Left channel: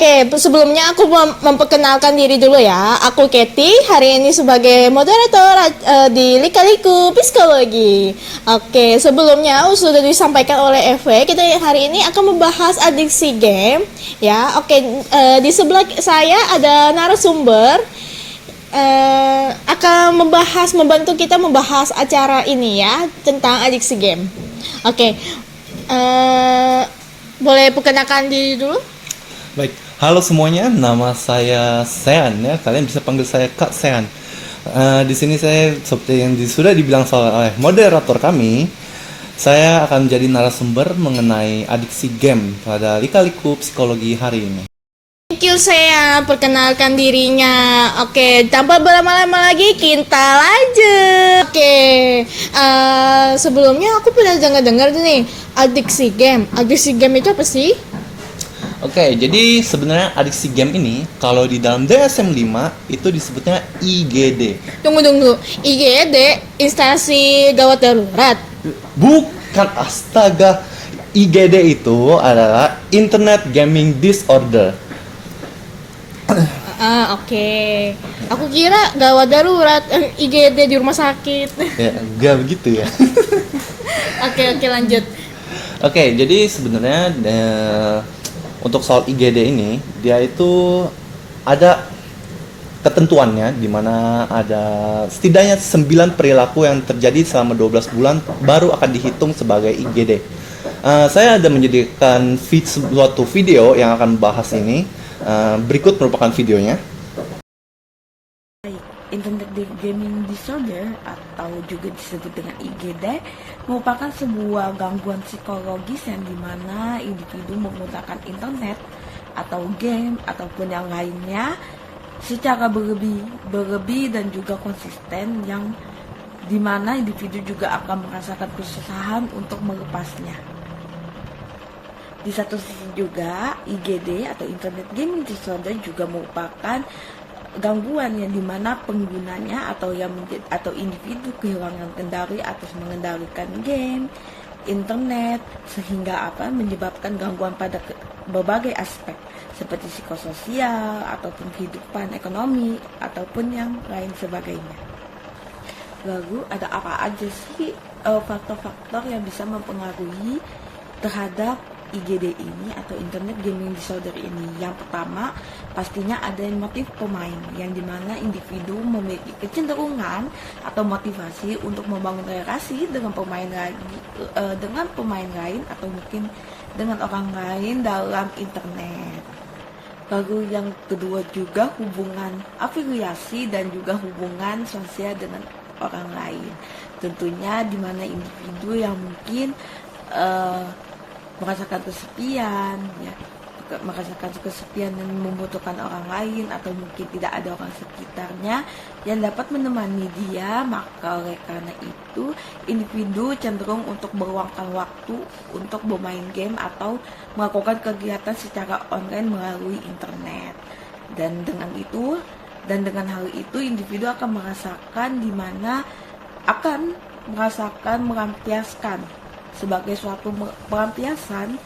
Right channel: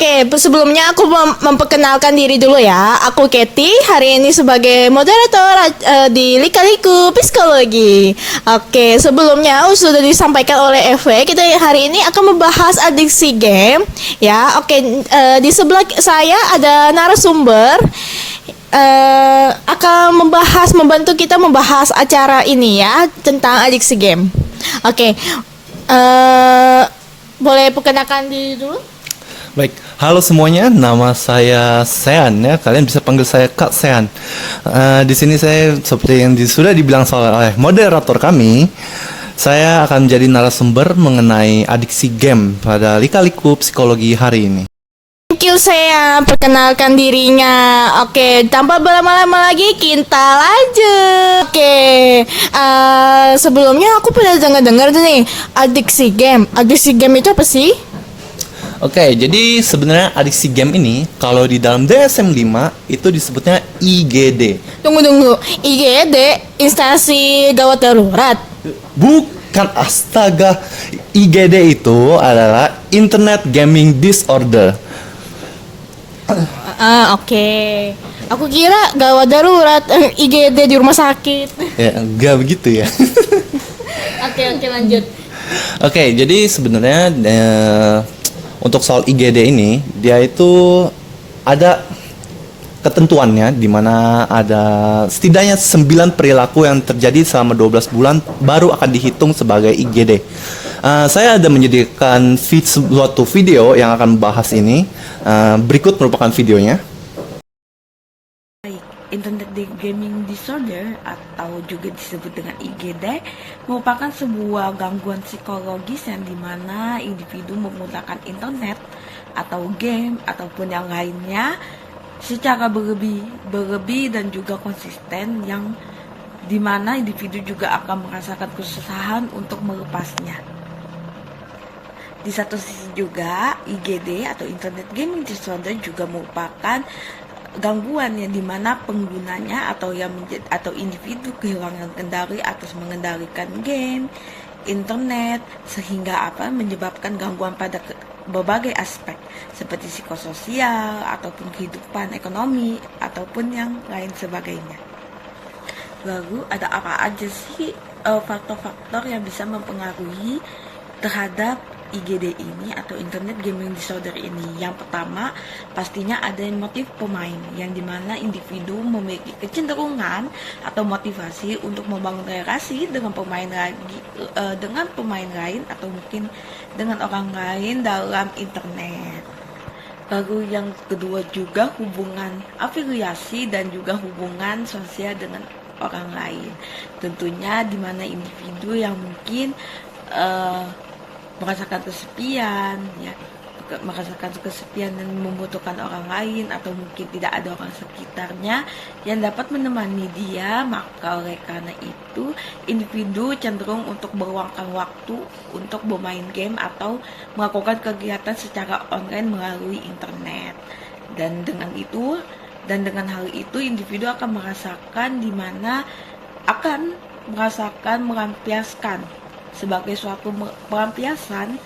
Oke, sebelumnya aku memperkenalkan diri dulu ya. Aku Kathy, hari ini sebagai moderator di Lika-Liku Psikologi. Oke, sebelumnya sudah disampaikan oleh FW, kita hari ini akan membahas adiksi game. Ya, oke, di sebelah saya ada narasumber akan membantu kita membahas acara ini ya, tentang adiksi game. Oke, boleh perkenalkan diri dulu? Baik, halo semuanya, nama saya Sean ya, kalian bisa panggil saya Kak Sean. Di sini saya seperti yang sudah dibilang oleh moderator kami, saya akan menjadi narasumber mengenai adiksi game pada Lika-Liku Psikologi hari ini. Thank you saya perkenalkan dirinya. Oke, tanpa berlama-lama lagi kita lanjut. Oke, sebelumnya aku pernah dengar tuh nih adiksi game. Adiksi game itu apa sih? Oke, jadi sebenarnya adiksi game ini kalau di dalam DSM-5 itu disebutnya IGD. Tunggu, IGD, instansi gawat darurat. Bukan, astaga. IGD itu adalah Internet Gaming Disorder. Oke. Aku kira gawat darurat, IGD di rumah sakit. Ya, enggak begitu ya. Oke, lanjut. Oke, jadi sebenarnya untuk soal IGD ini, dia itu ada ketentuannya di mana ada setidaknya 9 perilaku yang terjadi selama 12 bulan baru akan dihitung sebagai IGD. Saya ada menyediakan suatu video yang akan membahas ini. Berikut merupakan videonya. Internet Gaming Disorder atau juga disebut dengan IGD merupakan sebuah gangguan psikologis yang dimana individu menggunakan internet atau game ataupun yang lainnya secara berlebih dan juga konsisten, yang dimana individu juga akan merasakan kesusahan untuk melepasnya. Di satu sisi juga IGD atau Internet Gaming Disorder juga merupakan gangguan yang dimana penggunanya atau individu kehilangan kendali atas mengendalikan game, internet, sehingga menyebabkan gangguan pada berbagai aspek seperti psikososial ataupun kehidupan ekonomi ataupun yang lain sebagainya. Lalu ada apa aja sih faktor-faktor yang bisa mempengaruhi terhadap IGD ini atau Internet Gaming Disorder ini? Yang pertama, pastinya ada motif pemain, yang dimana individu memiliki kecenderungan atau motivasi untuk membangun relasi dengan pemain lain atau mungkin dengan orang lain dalam internet. Lalu yang kedua juga hubungan afiliasi dan juga hubungan sosial dengan orang lain. Tentunya dimana individu yang mungkin merasakan kesepian dan membutuhkan orang lain atau mungkin tidak ada orang sekitarnya yang dapat menemani dia, maka oleh karena itu individu cenderung untuk meluangkan waktu untuk bermain game atau melakukan kegiatan secara online melalui internet. Dan dengan hal itu individu akan merasakan melampiaskan sebagai suatu pelampiasan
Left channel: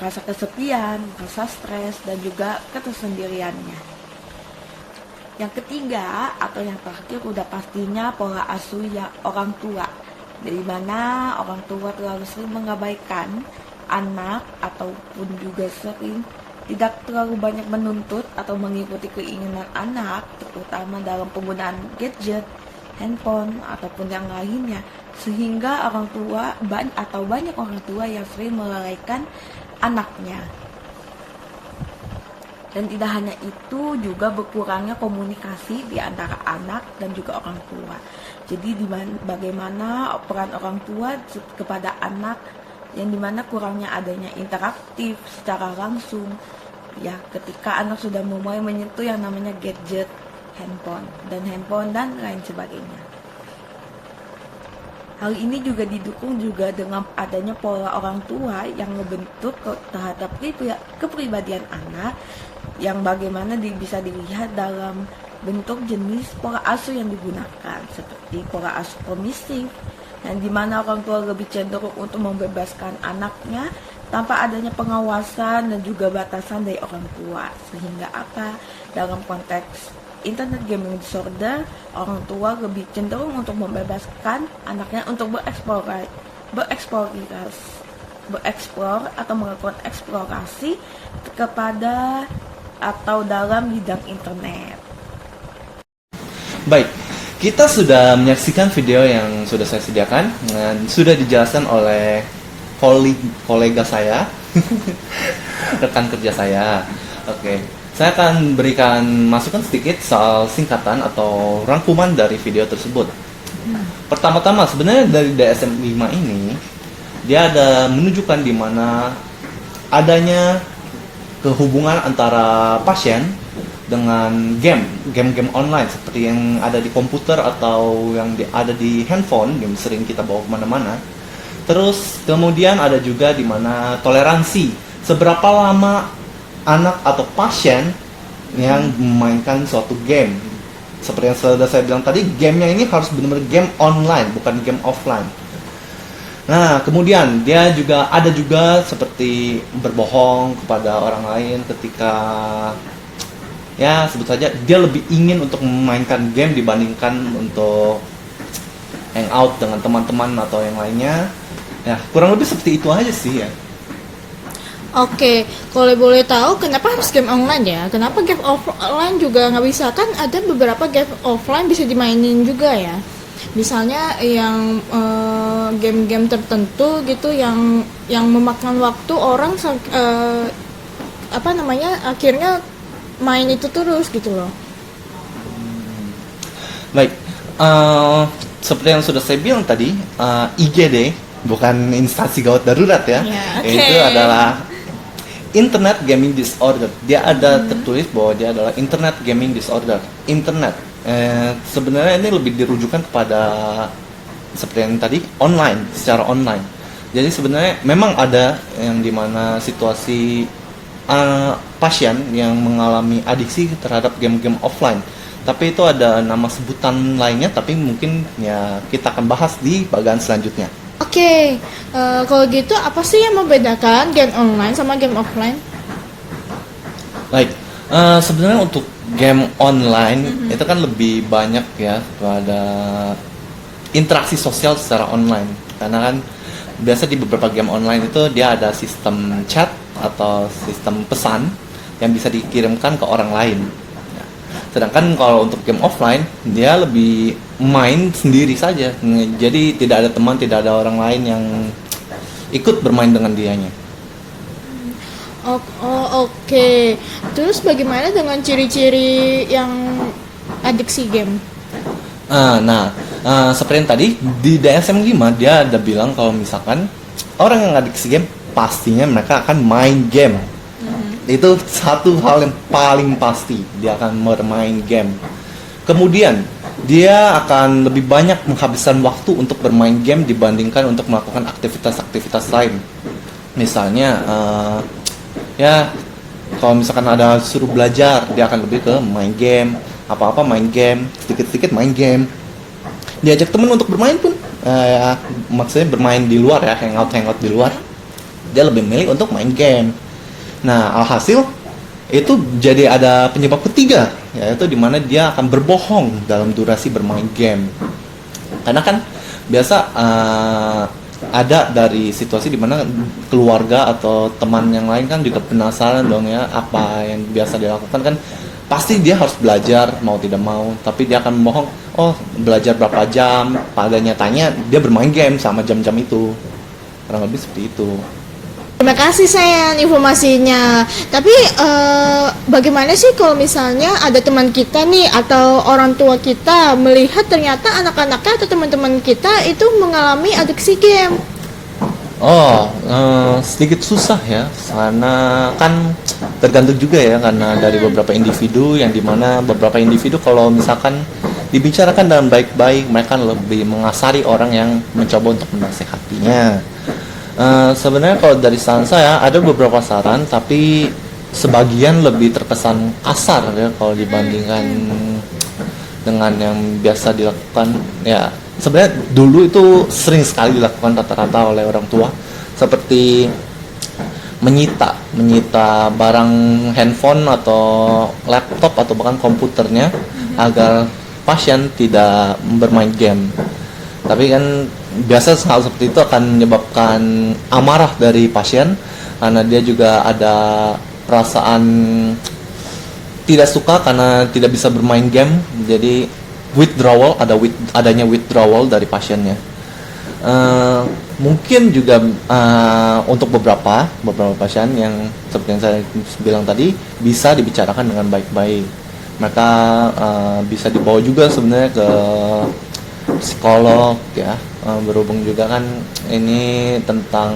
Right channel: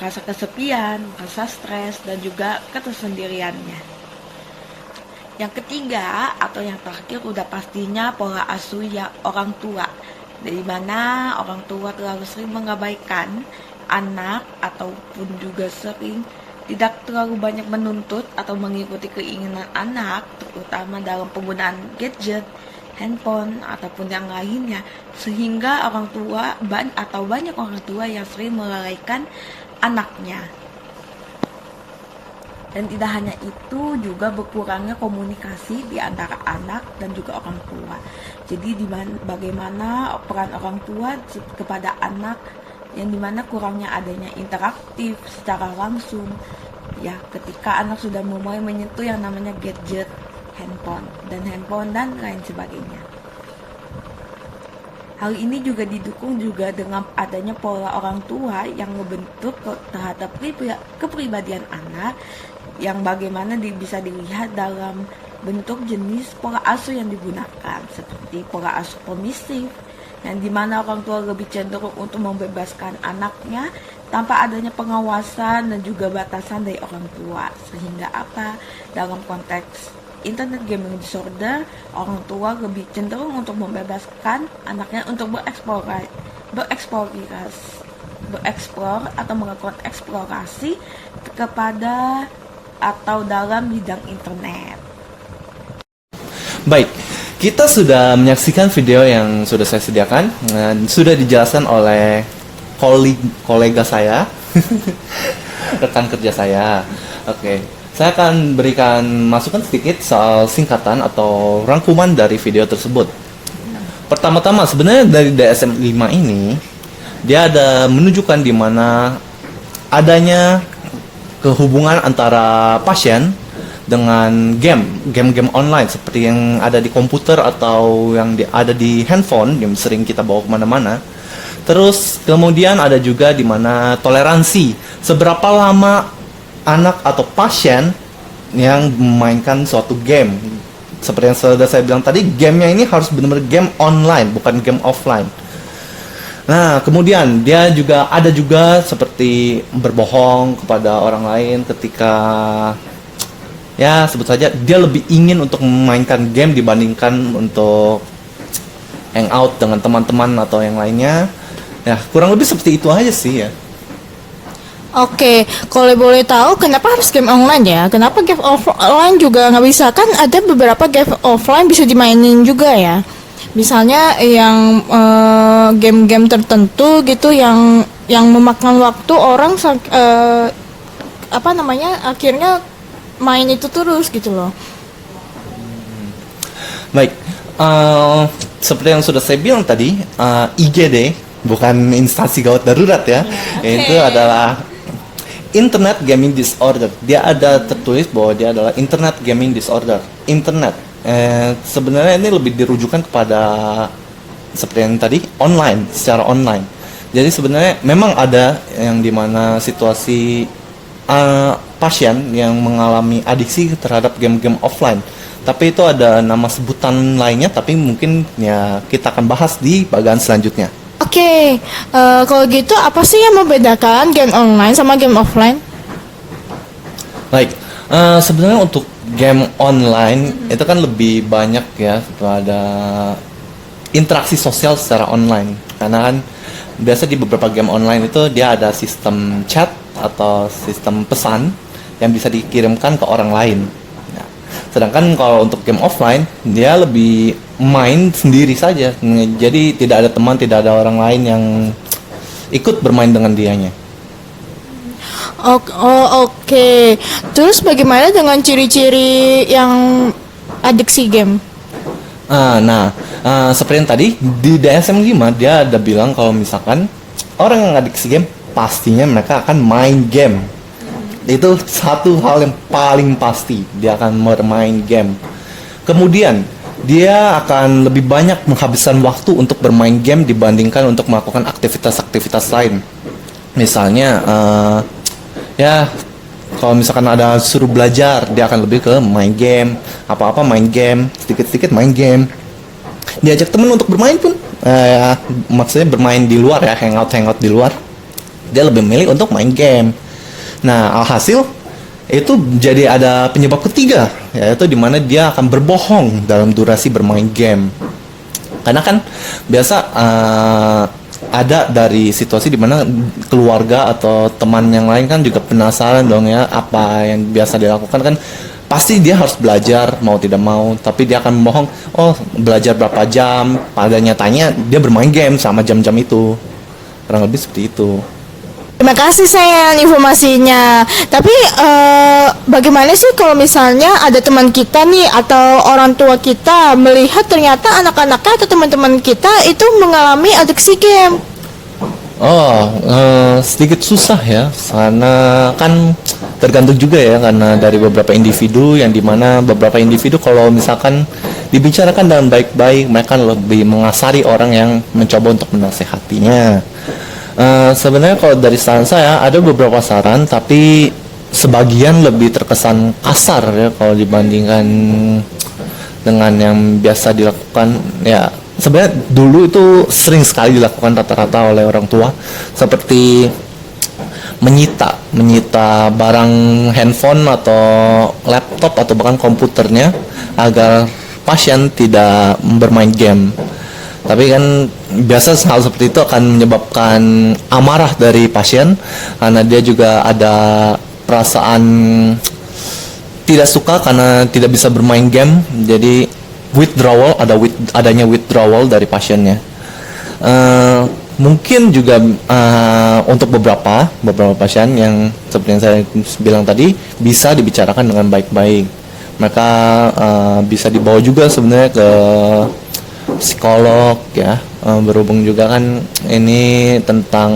rasa kesepian, rasa stres, dan juga ketersendiriannya. Yang ketiga atau yang terakhir udah pastinya pola asuh orang tua, dari mana orang tua terlalu sering mengabaikan anak ataupun juga sering tidak terlalu banyak menuntut atau mengikuti keinginan anak, terutama dalam penggunaan gadget, handphone ataupun yang lainnya, sehingga orang tua banyak orang tua yang sering melalaikan anaknya. Dan tidak hanya itu, juga berkurangnya komunikasi di antara anak dan juga orang tua. Jadi bagaimana peran orang tua kepada anak, yang dimana kurangnya adanya interaktif secara langsung ya, ketika anak sudah mulai menyentuh yang namanya gadget, handphone dan lain sebagainya. Hal ini juga didukung juga dengan adanya pola orang tua yang membentuk terhadap kepribadian anak, yang bagaimana bisa dilihat dalam bentuk jenis pola asuh yang digunakan, seperti pola asuh permisif, yang dimana orang tua lebih cenderung untuk membebaskan anaknya tanpa adanya pengawasan dan juga batasan dari orang tua. Sehingga apa? Dalam konteks internet gaming disorder, orang tua lebih cenderung untuk membebaskan anaknya untuk bereksplor atau melakukan eksplorasi kepada atau dalam bidang internet. Baik, kita sudah menyaksikan video yang sudah saya sediakan dan sudah dijelaskan oleh kolega saya, rekan kerja saya. Oke, saya akan berikan masukan sedikit soal singkatan atau rangkuman dari video tersebut. Pertama-tama, sebenarnya dari DSM-5 ini, dia ada menunjukkan di mana adanya kehubungan antara pasien dengan game-game online seperti yang ada di komputer atau yang ada di handphone yang sering kita bawa kemana-mana. Terus kemudian ada juga di mana toleransi, seberapa lama anak atau pasien yang memainkan suatu game. Seperti yang sudah saya bilang tadi, gamenya ini harus benar-benar game online, bukan game offline. Nah, kemudian dia juga ada juga seperti berbohong kepada orang lain ketika, ya sebut saja dia lebih ingin untuk memainkan game dibandingkan untuk hangout dengan teman-teman atau yang lainnya. Ya, kurang lebih seperti itu aja sih ya. Oke, kalau boleh tahu kenapa harus game online ya? Kenapa game offline juga nggak bisa? Kan ada beberapa game offline bisa dimainin juga ya. Misalnya yang game-game tertentu gitu yang memakan waktu orang akhirnya main itu terus gitu loh. Baik, seperti yang sudah saya bilang tadi, IGD bukan instansi gawat darurat ya. Okay. Itu adalah Internet Gaming Disorder. Dia ada tertulis bahwa dia adalah Internet Gaming Disorder. Internet. Sebenarnya ini lebih dirujukan kepada seperti yang tadi, online, secara online. Jadi sebenarnya memang ada yang dimana situasi pasien yang mengalami adiksi terhadap game-game offline. Tapi itu ada nama sebutan lainnya, tapi mungkin ya kita akan bahas di bagian selanjutnya. Oke, kalau gitu apa sih yang membedakan game online sama game offline? Baik, sebenarnya untuk game online itu kan lebih banyak ya pada interaksi sosial secara online. Karena kan biasa di beberapa game online itu dia ada sistem chat atau sistem pesan yang bisa dikirimkan ke orang lain. Nah, sedangkan kalau untuk game offline dia lebih main sendiri saja. Jadi tidak ada teman, tidak ada orang lain yang ikut bermain dengan dianya. Oke. Terus bagaimana dengan ciri-ciri yang adiksi game? Seperti yang tadi di DSM-5 dia ada bilang kalau misalkan orang yang adiksi game pastinya mereka akan main game. Itu satu hal yang paling pasti, dia akan bermain game. Kemudian dia akan lebih banyak menghabiskan waktu untuk bermain game dibandingkan untuk melakukan aktivitas-aktivitas lain. Misalnya ya kalau misalkan ada suruh belajar, dia akan lebih ke main game, apa-apa main game, sedikit-sedikit main game. Diajak teman untuk bermain pun maksudnya bermain di luar ya, hangout di luar, dia lebih milih untuk main game. Nah, alhasil itu jadi ada penyebab ketiga, yaitu dimana dia akan berbohong dalam durasi bermain game. Karena kan biasa ada dari situasi dimana keluarga atau teman yang lain kan juga penasaran dong ya apa yang biasa dilakukan kan. Pasti dia harus belajar mau tidak mau, tapi dia akan membohong, oh belajar berapa jam, pada nyatanya dia bermain game sama jam-jam itu. Kurang lebih seperti itu. Terima kasih sayang informasinya. Tapi bagaimana sih kalau misalnya ada teman kita nih atau orang tua kita melihat ternyata anak-anaknya atau teman-teman kita itu mengalami adiksi game? Sedikit susah ya, karena kan tergantung juga ya, karena dari beberapa individu yang dimana beberapa individu kalau misalkan dibicarakan dengan baik-baik, mereka lebih mengasari orang yang mencoba untuk menasehatinya. Sebenarnya kalau dari saran saya ada beberapa saran, tapi sebagian lebih terkesan kasar ya kalau dibandingkan dengan yang biasa dilakukan ya. Sebenarnya dulu itu sering sekali dilakukan rata-rata oleh orang tua, seperti menyita barang handphone atau laptop atau bahkan komputernya agar pasien tidak bermain game. Tapi kan biasa hal seperti itu akan menyebabkan amarah dari pasien karena dia juga ada perasaan tidak suka karena tidak bisa bermain game. Jadi adanya withdrawal dari pasiennya. Mungkin juga untuk beberapa pasien yang seperti yang saya bilang tadi bisa dibicarakan dengan baik-baik. Mereka bisa dibawa juga sebenarnya ke psikolog ya, berhubung juga kan ini tentang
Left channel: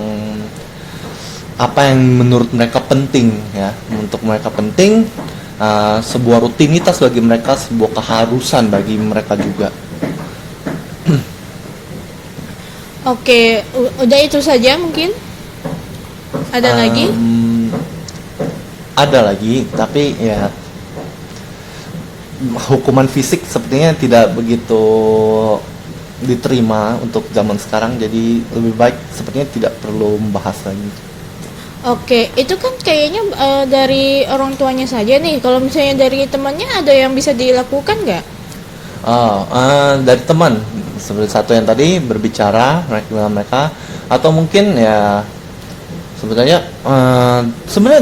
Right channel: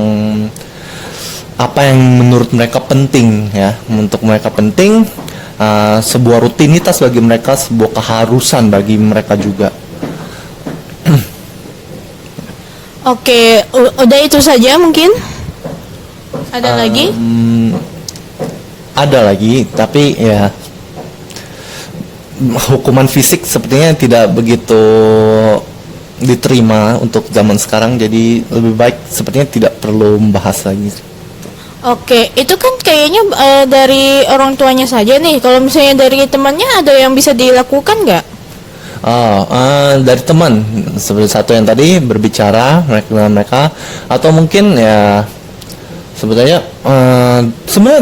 apa yang menurut mereka penting ya. Untuk mereka penting, sebuah rutinitas bagi mereka, sebuah keharusan bagi mereka juga. Oke, udah itu saja mungkin? Ada lagi? Ada lagi, tapi ya hukuman fisik sepertinya tidak begitu diterima untuk zaman sekarang, jadi lebih baik sepertinya tidak perlu membahas lagi. Oke, itu kan kayaknya dari orang tuanya saja nih. Kalau misalnya dari temannya ada yang bisa dilakukan nggak? Dari teman seperti satu yang tadi berbicara mereka atau mungkin ya sebenarnya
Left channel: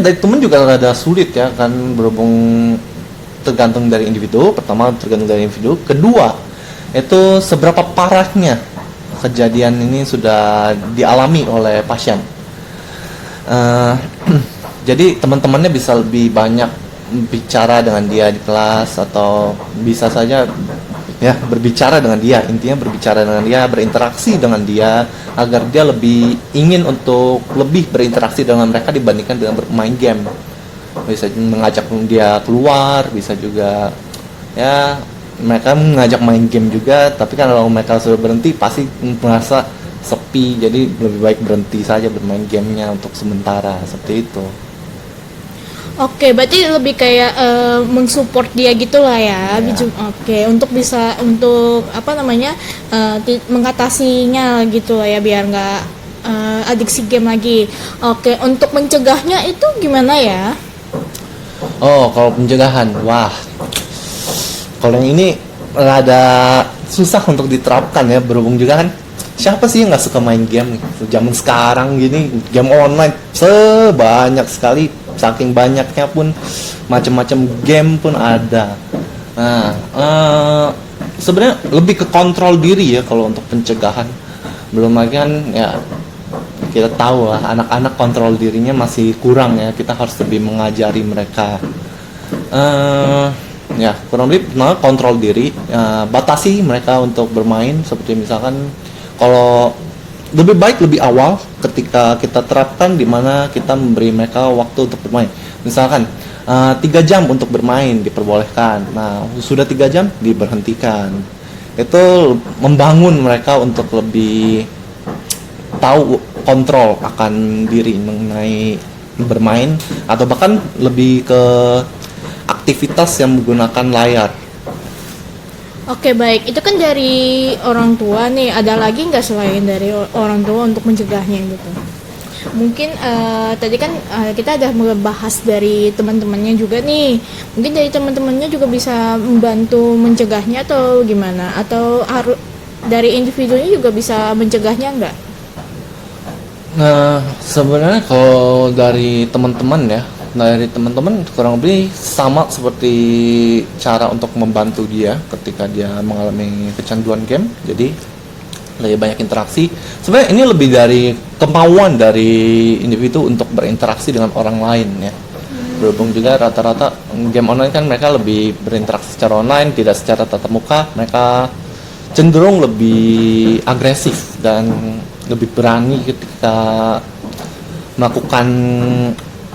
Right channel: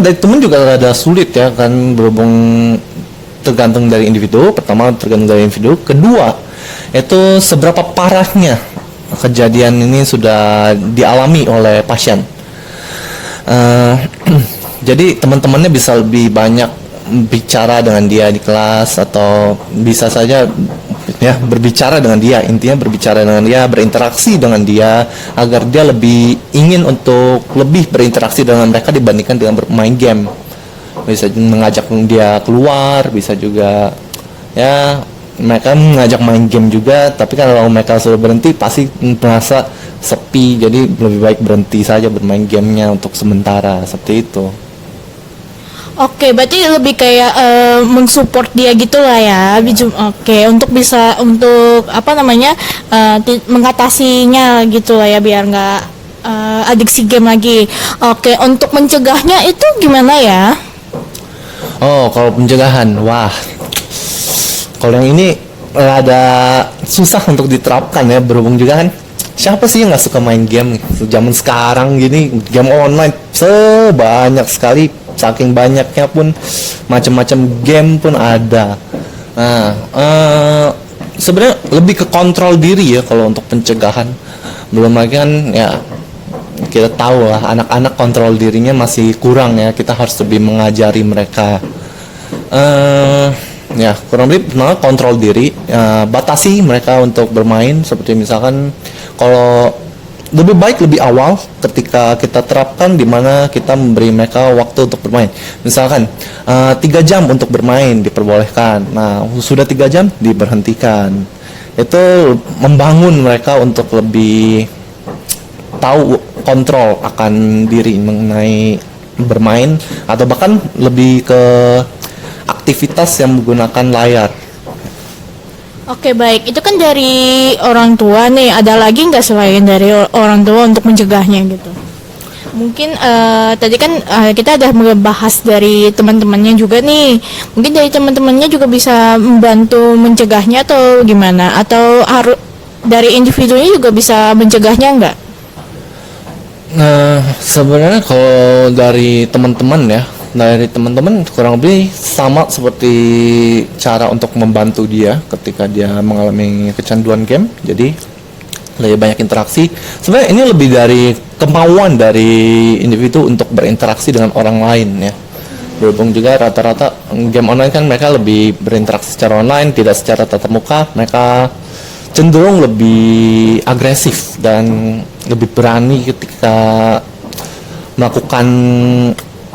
dari teman juga rada sulit ya kan, berhubung tergantung dari individu. Pertama tergantung dari individu, kedua itu seberapa parahnya kejadian ini sudah dialami oleh pasien. Jadi teman-temannya bisa lebih banyak bicara dengan dia di kelas, atau bisa saja ya berbicara dengan dia, intinya berbicara dengan dia, berinteraksi dengan dia agar dia lebih ingin untuk lebih berinteraksi dengan mereka dibandingkan dengan bermain game. Bisa mengajak dia keluar, bisa juga ya mereka mengajak main game juga, tapi kan kalau mereka sudah berhenti pasti merasa sepi, jadi lebih baik berhenti saja bermain gamenya untuk sementara, seperti itu. Oke, berarti lebih kayak mensupport dia gitu lah ya. Oke, untuk bisa apa namanya mengatasinya gitu lah ya, biar nggak adiksi game lagi. Oke, untuk mencegahnya itu gimana ya? Kalau pencegahan, wah, kalau yang ini ada susah untuk diterapkan ya, berhubung juga kan siapa sih yang nggak suka main game nih? Zaman sekarang gini game online sebanyak sekali, saking banyaknya pun macam-macam game pun ada. Nah, sebenarnya lebih ke kontrol diri ya kalau untuk pencegahan. Belum lagi kan ya kita tahu lah anak-anak kontrol dirinya masih kurang ya, kita harus lebih mengajari mereka. Ya kurang lebih kontrol diri, batasi mereka untuk bermain, seperti misalkan kalau lebih baik lebih awal ketika kita terapkan, di mana kita memberi mereka waktu untuk bermain. Misalkan 3 jam untuk bermain diperbolehkan. Nah, sudah 3 jam diberhentikan. Itu membangun mereka untuk lebih tahu kontrol akan diri mengenai bermain, atau bahkan lebih ke aktivitas yang menggunakan layar. Oke, baik. Itu kan dari orang tua nih. Ada lagi nggak selain dari orang tua untuk mencegahnya gitu? Mungkin tadi kan kita udah membahas dari teman-temannya juga nih. Mungkin dari teman-temannya juga bisa membantu mencegahnya atau gimana? Atau harus dari individunya juga bisa mencegahnya nggak? Nah, sebenarnya kalau dari teman-teman kurang lebih sama seperti cara untuk membantu dia ketika dia mengalami kecanduan game. Jadi lebih banyak interaksi. Sebenarnya ini lebih dari kemauan dari individu untuk berinteraksi dengan orang lain ya. Berhubung juga rata-rata game online kan mereka lebih berinteraksi secara online, tidak secara tatap muka. Mereka cenderung lebih agresif dan lebih berani ketika melakukan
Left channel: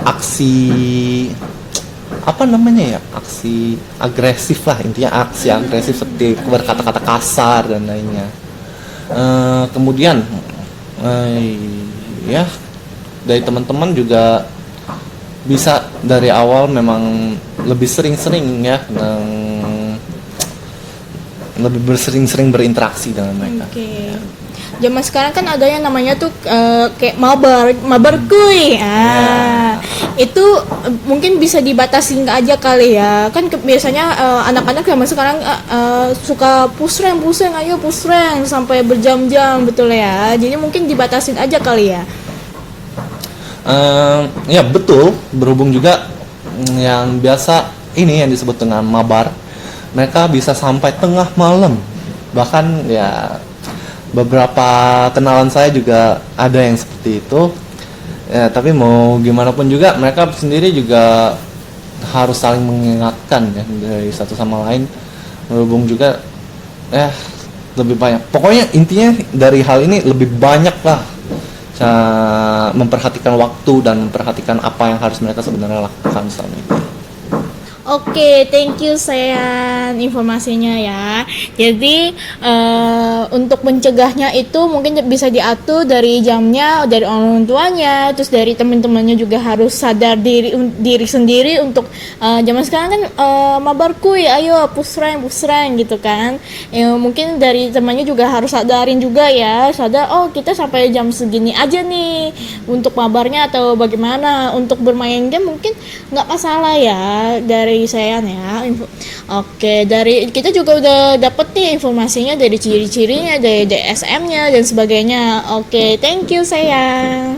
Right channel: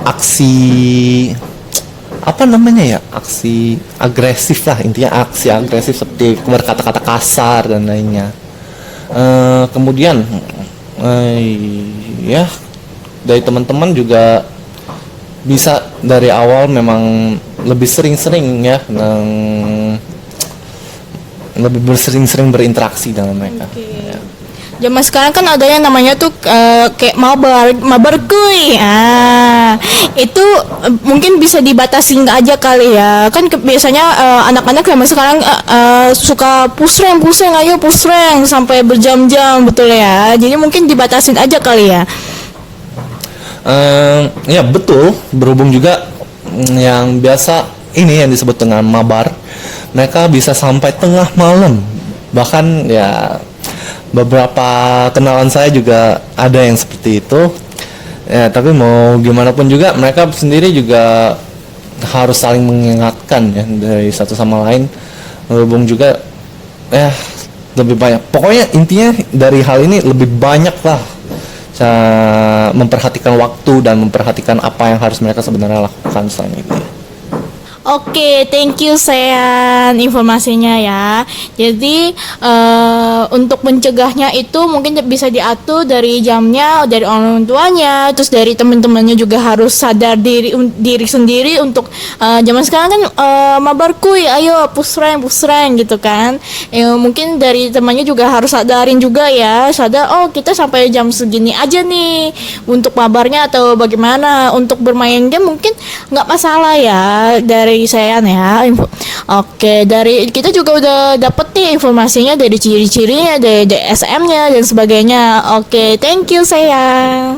aksi aksi agresif lah, intinya aksi agresif seperti berkata-kata kasar dan lainnya. Kemudian ya dari teman-teman juga bisa dari awal memang lebih sering-sering ya, lebih bersering-sering berinteraksi dengan mereka. Oke. Zaman sekarang kan ada yang namanya tuh kayak mabar kuy. Itu mungkin bisa dibatasi nggak aja kali ya. Kan biasanya anak-anak zaman sekarang suka pusreng ayo pusreng sampai berjam-jam betul ya. Jadi mungkin dibatasin aja kali ya. Ya betul, berhubung juga yang biasa ini yang disebut dengan mabar, mereka bisa sampai tengah malam. Bahkan ya beberapa kenalan saya juga ada yang seperti itu. Ya, tapi mau gimana pun juga mereka sendiri juga harus saling mengingatkan ya dari satu sama lain. Berhubung juga lebih banyak. Pokoknya intinya dari hal ini lebih banyak lah memperhatikan waktu dan memperhatikan apa yang harus mereka sebenarnya lakukan selama ini. Oke, thank you Sean informasinya ya. Jadi untuk mencegahnya itu mungkin bisa diatur dari jamnya, dari orang tuanya, terus dari teman-temannya juga harus sadar diri sendiri untuk zaman sekarang kan mabar kuy, ayo pusreng gitu kan. Mungkin dari temannya juga harus sadarin juga ya, sadar kita sampai jam segini aja nih untuk mabarnya atau bagaimana. Untuk bermain game mungkin nggak masalah ya dari saya ya. Oke, dari kita juga udah dapet nih informasinya dari ciri-cirinya, dari DSM-nya dan sebagainya. Oke, thank you saya.